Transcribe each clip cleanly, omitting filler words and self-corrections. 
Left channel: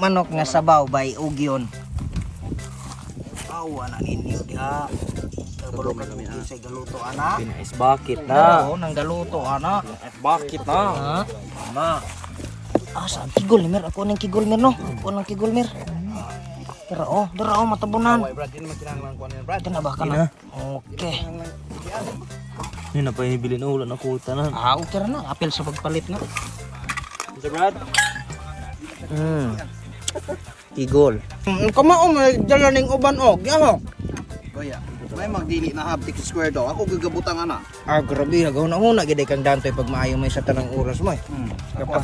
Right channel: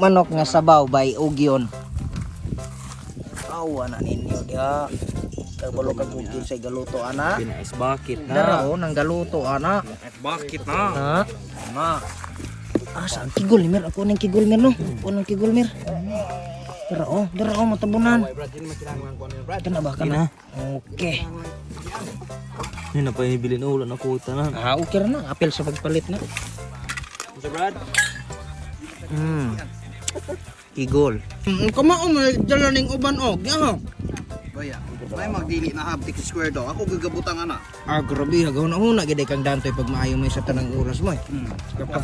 Manok nga sabaw by ugyon. Awa na ninyo dia. Kalau kami sa galuto ana. Pinais bakit Na, na. nang galuto ana. Pinais bakit na. Ha? Na. Saan kigol mir? Ako nang kigol mir no. Ako nang kigol mir. Dara oh matabunan. Ito na ba ka na? Okay. Yun na pa ibibilin ulo na kuta na. Okay na. Apil sa pagpalit nga. Mr. Brad? Kigol. Kamao may dala ning uban og. Yaho. Kuya, may magdili na haptik square daw. Ako gagabutang ana. Grabe hagaw na huna gid kang dantoy pag maayo may sa tanang oras mo eh. Kapag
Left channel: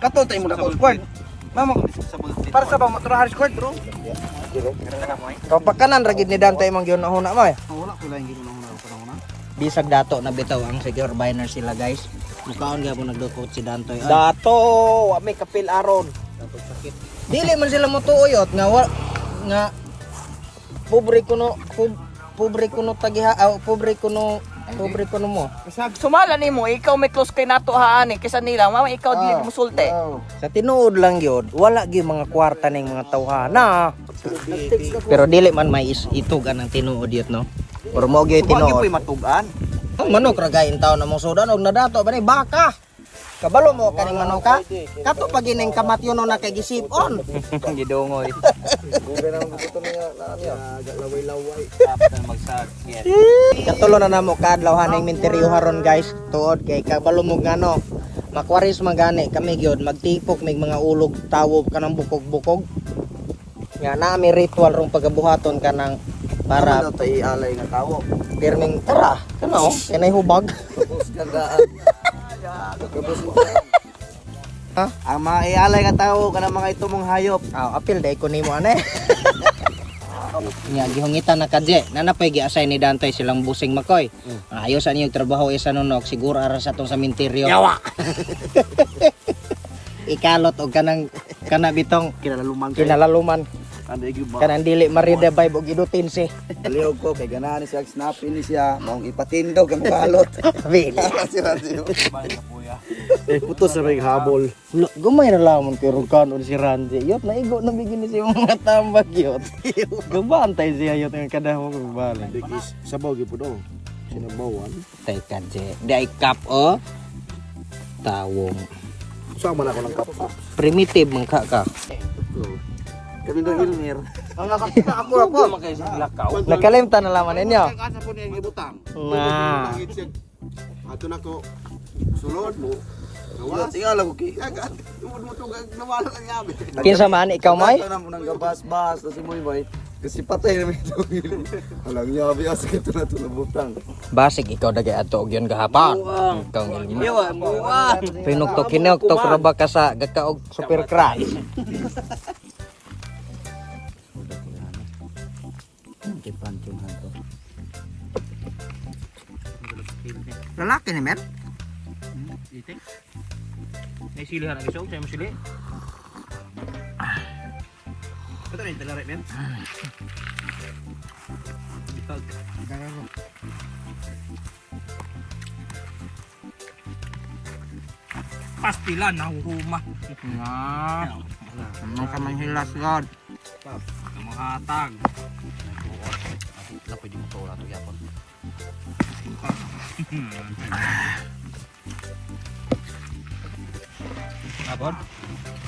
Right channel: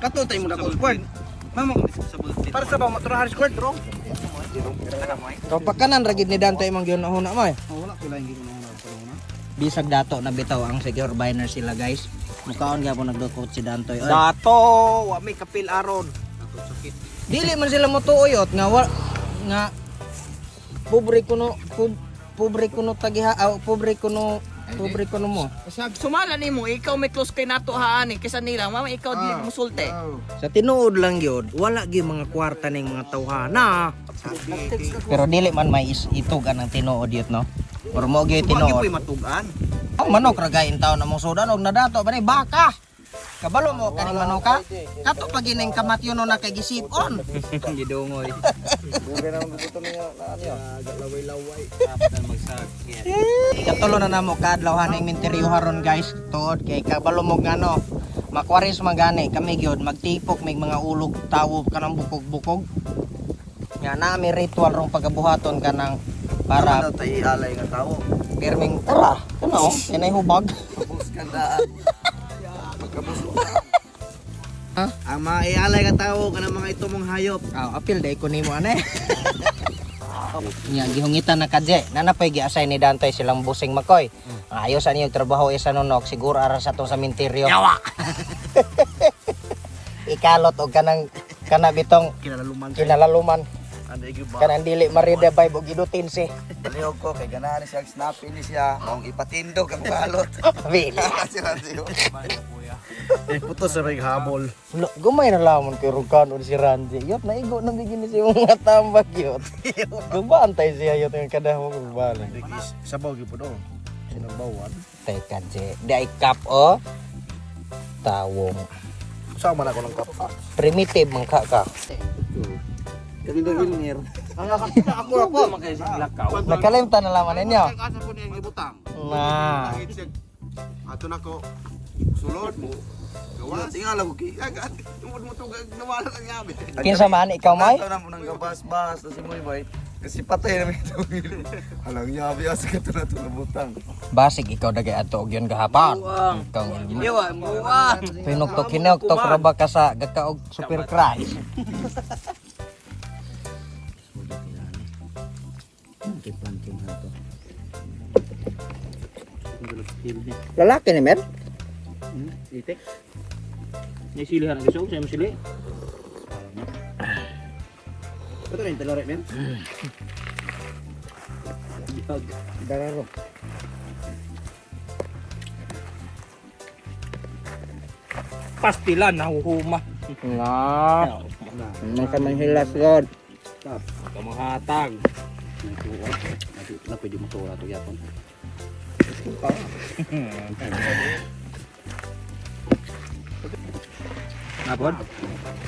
kato tay mo na ko square. Mama para sa ba matrahan square bro. Kapag kanan ra gid ni dantoy mang gyud na huna mo eh. Wala ko lang gid na una. Bisag dato na bitaw ang secure biner sila guys. Mukaon gyapon nagdukot si dantoy. Dato! Wa may kapil aron. Dili man sila motuuyot nga pobre kuno tagiha pobre kuno mo. Sumala nimo, ikaw may close kay nato haani kaysa nila. Mama ikaw dili musulte. Sa tinuod lang gyud wala gyud mga kwarta ning mga tawhana. Pero dili man may itugan ang tinuod yut no. Pero mo gyud Wagi tinuod. po'y matugan. Ang manok ra gayon taon namong sudan og nadato ba ni baka. Kabalo mo kaning manok ka? Kato pag ining kamatyon na kay gisipon. Gidongoy. Katulo na namo kadlaw haning minteryo haron guys. Tuod kay kabalo mo ngano. Makwaris magani kami gyud magtipok mig mga ulog tawob kanang bukog-bukog. Ya na may ritual rong pagabuhaton kanang Para para daw tay alay nga tawo. pirming tara. Kuno kinay hubag. Tapos gandaan. Pagkabos mo. Ha? Ang maialay nga tawo kanang mga ito mong hayop. Apil day ko nimo ane. Nya gihungitan na kadje. Nanapay gi-assign ni Dantoy silang busing makoy. Ayos ani yung trabaho isa nunok siguro ara sa to sa minteryo. Yawa! Ikalot og kanang bitong Kinalaluman kayo. kinalaluman. Ano yung ba? Kanang dili marida vibe og idutin si. Baliog ko kay ganahan ni siya snapin ni siya. Maong ipatindog ang balot. Vili. Putos sa may habol. Gumay na lamon kay Rukan si Ranji. Yot naigo na bigyan ni siya mga tambag yot. Gabantay siya yot ang kadahog ng balay. Digis sabaw gyud puno. Sinabawan. Tay kadje. Di ay kap o tawong. Saan man ako ng kapsa? Primitive mong kaka. Kami daw ilmir. Nakalimtan na laman ninyo. Asa po niya ibutang. Na. Ato na ko sulod mo. Gawas. Tingala ko kay agad. Tumod mo tugag nawala lang yabi. Kinsa man ikaw may? Lato na mo nang gabas-bas si Moy Boy. Kasi patay na ito. Halang yabi asa ka na ito butang. Basig ikaw dagay ato og yon gahapon. Ikaw ngilma. Yawa, buwan! Pinugtok hinugtok ra ba ka sa gakaog super cry. Lalaki ni Mer? Itik. May silihan ng gusto, siya masili. Ito rin talore men. Dararo. Pastilan, nahuhuma. Na. Nang ka manhilas god. Kamanghatag. Wala pwede mo ito ito yapon. Apod?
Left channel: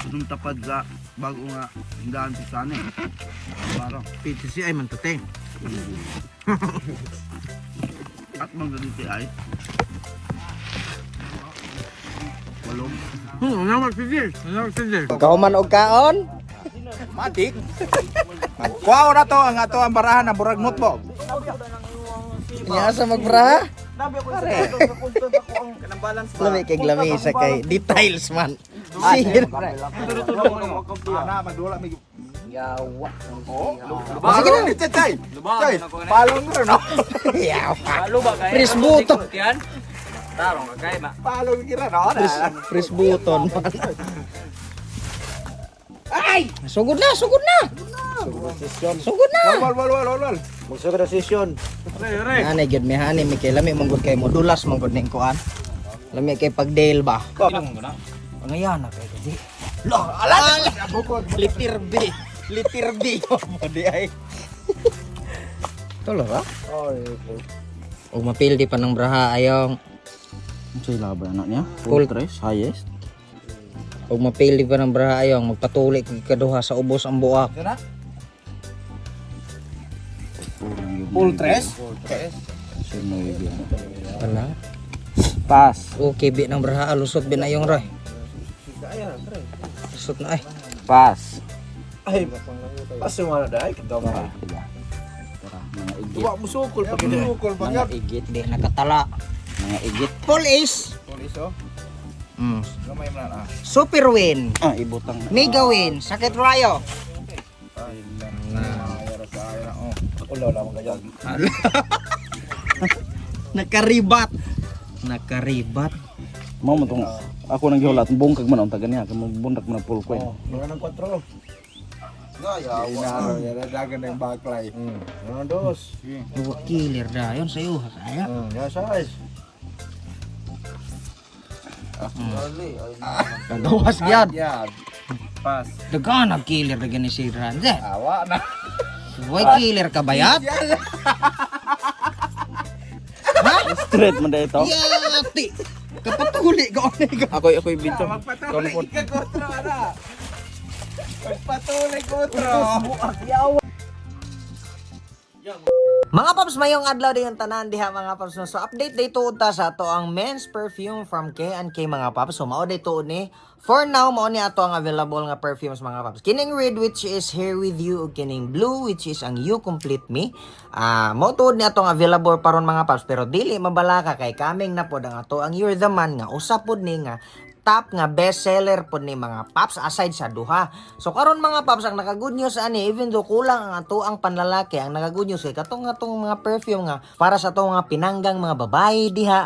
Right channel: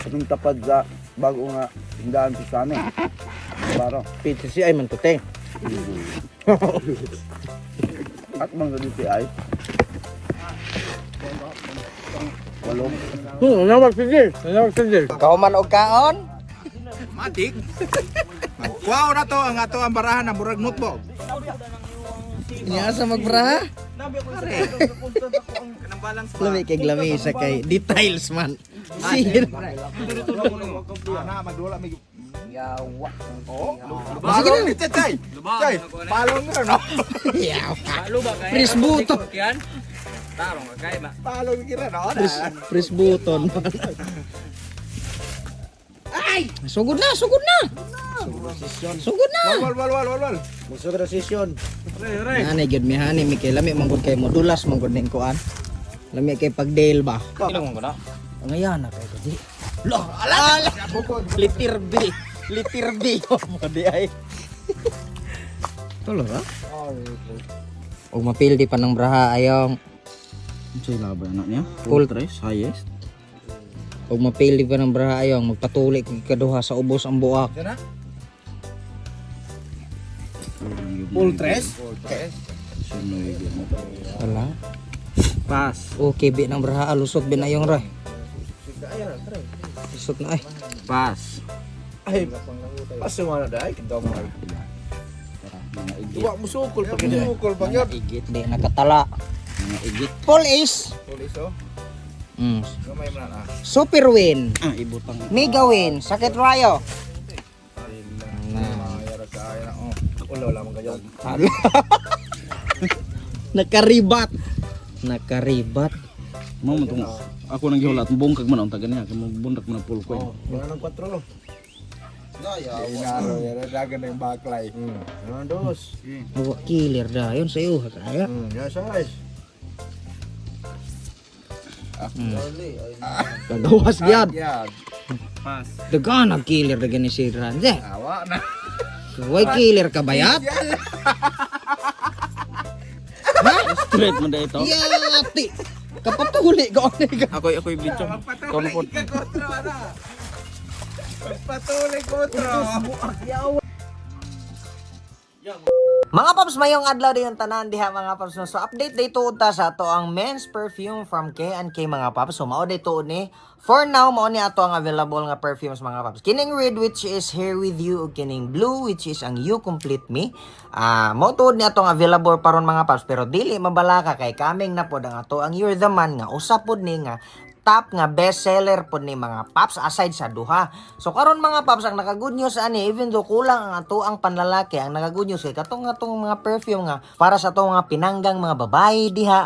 Itong tapad sa bago nga hindaan sa sana eh. Baro. Pizza si ay man to te. At mga dito ay. Walong. Nawag sigil. Kahuman og kaon. Matik. Magkuhaw na to ang ato ang barahan ng burag notebook. Nya sa magbraha. Pare. Lami kay glami sa kay details man. Sige. Ana magdula mig Yawa. Balong ni Chay. Chay. Balong mo no. Yawa. Lalo ba kaya? Fresh buto. Yan? Tarong ka kaya ma. Balong kira no. Fresh button man. Ay! Sugod na. Sugod na. Wal. Magsugod na session. Anay gyud mi hani mi kay lami manggod kay mo dulas manggod ning kuan. Lami kay pagdale ba. Ilang mo na? Ngayon na kay di. Lo, ala. Litir B. Litir B. Mo di ay. Tulo ka? O mapildi pa ng braha ayong Sa'yo laban anak niya. Full Tres, highest. o mapildi pa ng braha ayong magpatuloy kay kaduha sa ubos ang buak. Full tres? Wala. Pass. Okay, bi ng braha lusot bin ayong ra. Lusot na ay. Pass. Ay, paso mo na dahil. Kita mo. Duwa mo sukol pag ito. Sukol pag yan. Igit di nakatala. Mga igit. Full ace. Pulis oh. Gamay mo na. Super win. Ah, ibutang. Mega win. Sakit rayo. Mayara sa akin na. Ulo lang mga ganyan. Nakaribat. Nakaribat. Mo mo tong ako nang gihulat bungkag man ang taga niya kay magbundak man full coin. Mga ng 4. Inaro, yan dagan ng baklay. Ano dos? Buwa killer dayon sa iyo kaya. Ya size. Kagawas gyud. Yan. Pass. Dagan ang killer dagan ni si Ranze. Awa na. Way killer ka bayat? Straight man dito. Yati. Kapatuli ka onay ka. Ako'y video. Magpatuloy ka kontra ka na. Magpatuloy kontra. Mga paps, mayong adlaw din yung tanan diha mga paps. No? So update day tuod ta sa ato ang men's perfume from K&K mga paps. So mao day tuod ni. For now mao ni ato ang available nga perfumes mga paps. Kining red which is Here With You ug kining blue which is ang You Complete Me. Mao tuod ni ato ang available paron mga paps pero dili mabalaka kay kaming na pod ang ato ang You're the Man nga usa pod ni nga top nga best seller pod ni mga paps aside sa duha. So karon mga paps ang naka-good news ani even though kulang ang ato ang panlalaki ang naka-good news kay katong mga perfume nga para sa ato mga pinanggang mga babae diha.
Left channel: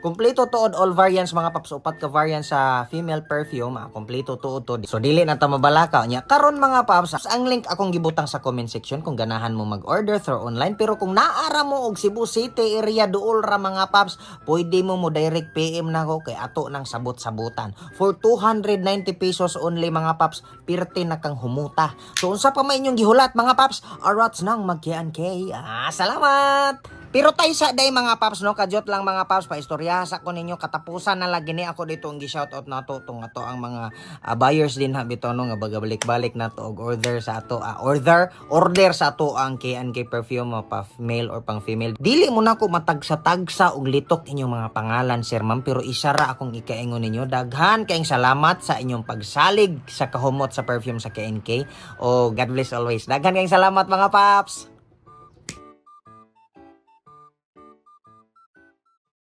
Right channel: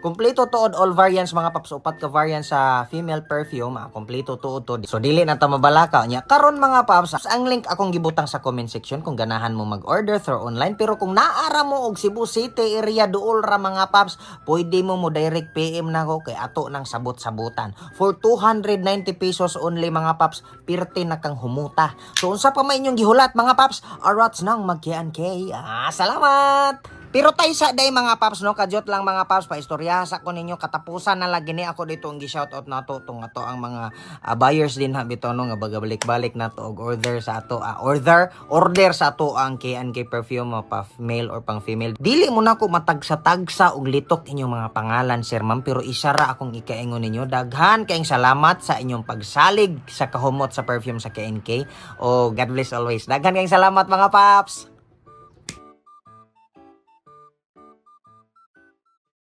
Kompleto tuod all variants mga paps upat ka variants sa female perfume kompleto tuod to. So dili na ta mabalaka nya karon mga paps ang link akong gibutang sa comment section kung ganahan mo mag-order through online pero kung naara mo og Cebu City area duol ra mga paps pwede mo direct PM na ko kay ato nang sabot-sabutan for 290 pesos only mga paps pirte na kang humuta. So unsa pa may inyong gihulat mga paps arats nang mag-K&K. Salamat. Pero tayo sa day mga paps no kadyot lang mga paps paistorya sa ko ninyo katapusan na lagi ni ako dito ang gi-shoutout nato tong ato ang mga buyers din ha bitaw no nga bagabalik-balik nato og order sa ato order sa ato ang K&K perfume pa male or pang female. Dili mo na ko matagsa-tagsa og litok inyong mga pangalan sir ma'am pero isa ra akong ikaingon ninyo daghan kayong salamat sa inyong pagsalig sa kahumot sa perfume sa K&K. Oh God bless always. Daghan kayong salamat mga paps.